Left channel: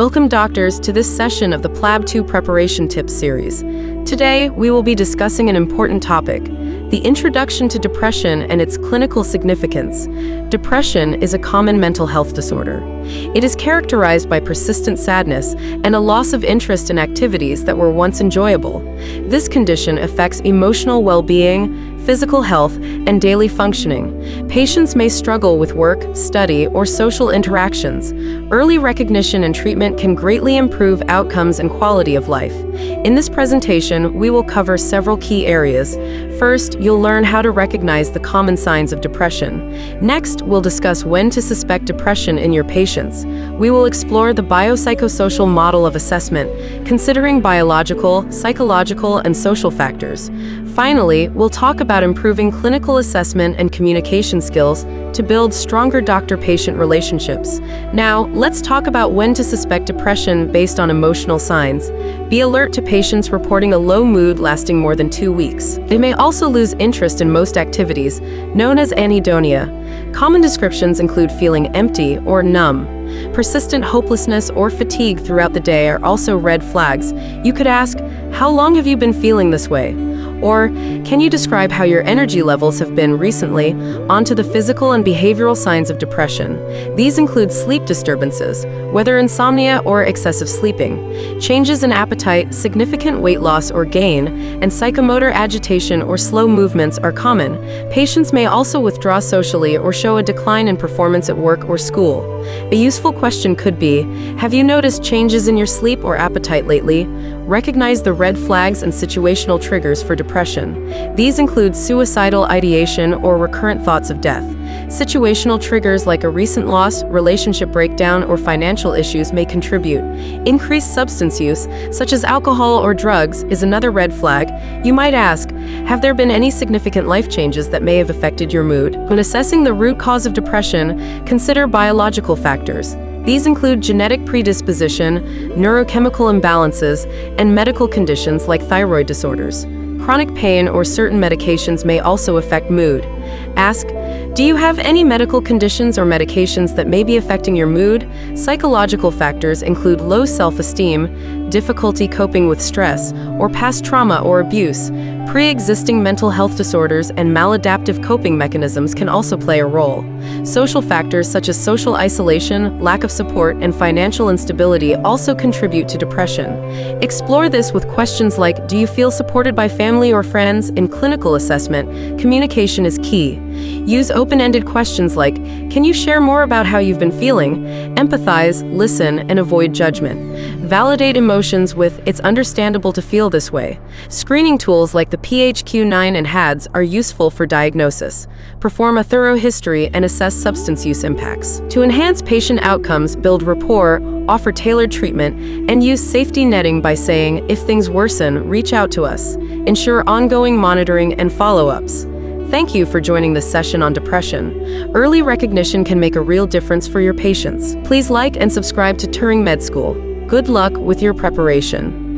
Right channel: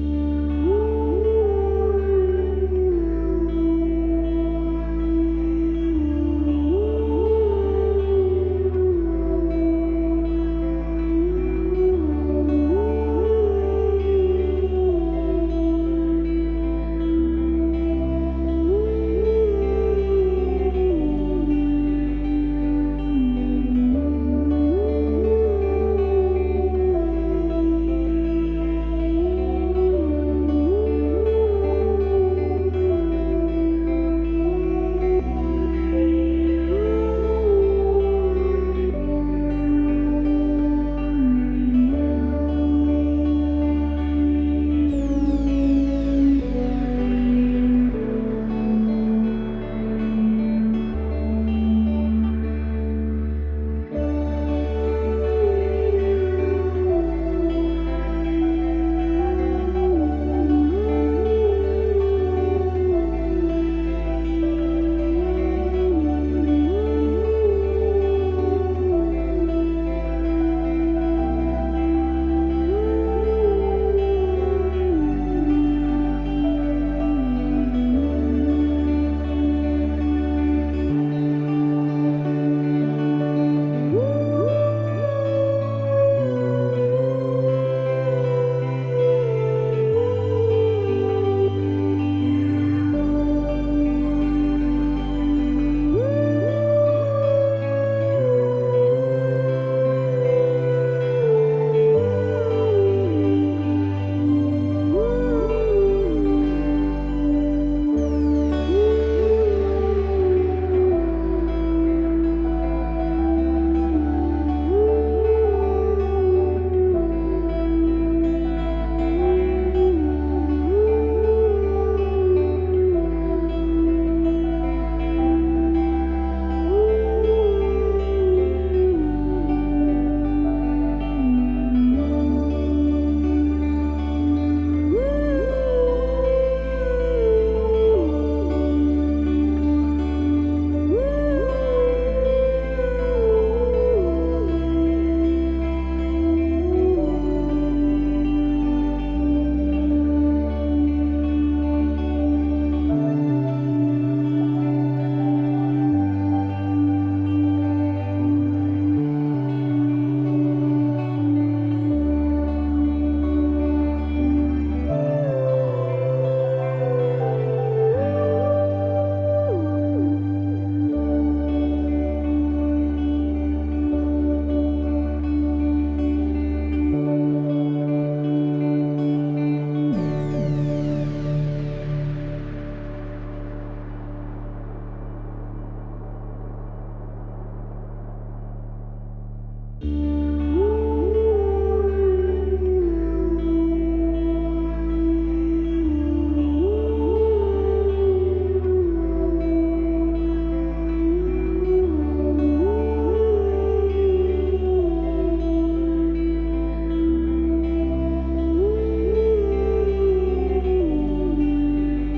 Welcome, doctors, to this session of the PLAB 2 Preparation Tips series. Today, we will be discussing an important topic, the introduction to depression and its clinical significance. Depression is a common mental health disorder. It is characterized by persistent sadness and a loss of interest in activities that were once enjoyable. This condition affects emotional well-being, physical health, and daily functioning. Patients may struggle with work, study, or social interactions. Early recognition and treatment can greatly improve outcomes and quality of life. In this presentation, we will cover several key areas. First, you'll learn how to recognize the common signs of depression. Next, we'll discuss when to suspect depression in your patients. We will explore the biopsychosocial model of assessment, considering biological, psychological, and social factors. Finally, we'll talk about improving clinical assessment and communication skills to build stronger doctor-patient relationships. Now, let's talk about when to suspect depression based on emotional signs. Be alert to patients reporting a low mood lasting more than 2 weeks. They may also lose interest in most activities, known as anhedonia. Common descriptions include feeling empty or numb. Persistent hopelessness or fatigue throughout the day are also red flags. You could ask, how long have you been feeling this way? Or, can you describe how your energy levels have been recently? On to the physical and behavioral signs of depression. These include sleep disturbances, whether insomnia or excessive sleeping, changes in appetite, significant weight loss or gain, and psychomotor agitation or slow movements are common. Patients may also withdraw socially or show a decline in performance at work or school. A useful question could be, have you noticed changes in your sleep or appetite lately? Recognize the red flags and situational triggers for depression. These include suicidal ideation or recurrent thoughts of death. Situational triggers like a recent loss, relationship breakdown, or financial issues may contribute. Increased substance use, such as alcohol or drugs, is another red flag. You might ask, have there been any significant life changes that may have affected your mood? When assessing the root cause of depression, consider biological factors. These include genetic predisposition, neurochemical imbalances, and medical conditions like thyroid disorders. Chronic pain or certain medications may also affect mood. Ask, do you have any medical conditions or medications that may be affecting your mood? Psychological factors include low self-esteem, difficulty coping with stress, or past trauma or abuse. Pre-existing mental health disorders and maladaptive coping mechanisms can also play a role. Social factors such as social isolation, lack of support, and financial instability also contribute to depression. Explore this with questions like, do you feel supported by family or friends? In clinical assessment, communication is key. Use open-ended questions like, can you share more about how you've been feeling? Empathize, listen, and avoid judgment. Validate emotions with, it's understandable to feel this way. Screening tools like the PHQ-9 and HADS are useful for diagnosis. Perform a thorough history and assess substance use impacts. To enhance patient outcomes, build rapport, offer tailored treatment, and use safety netting by saying, if things worsen, reach out to us. Ensure ongoing monitoring and follow-ups. Thank you for joining this session on depression. Early recognition can make a real difference for your patients. Please like and subscribe to TuringMedSchool. Good luck with your preparation.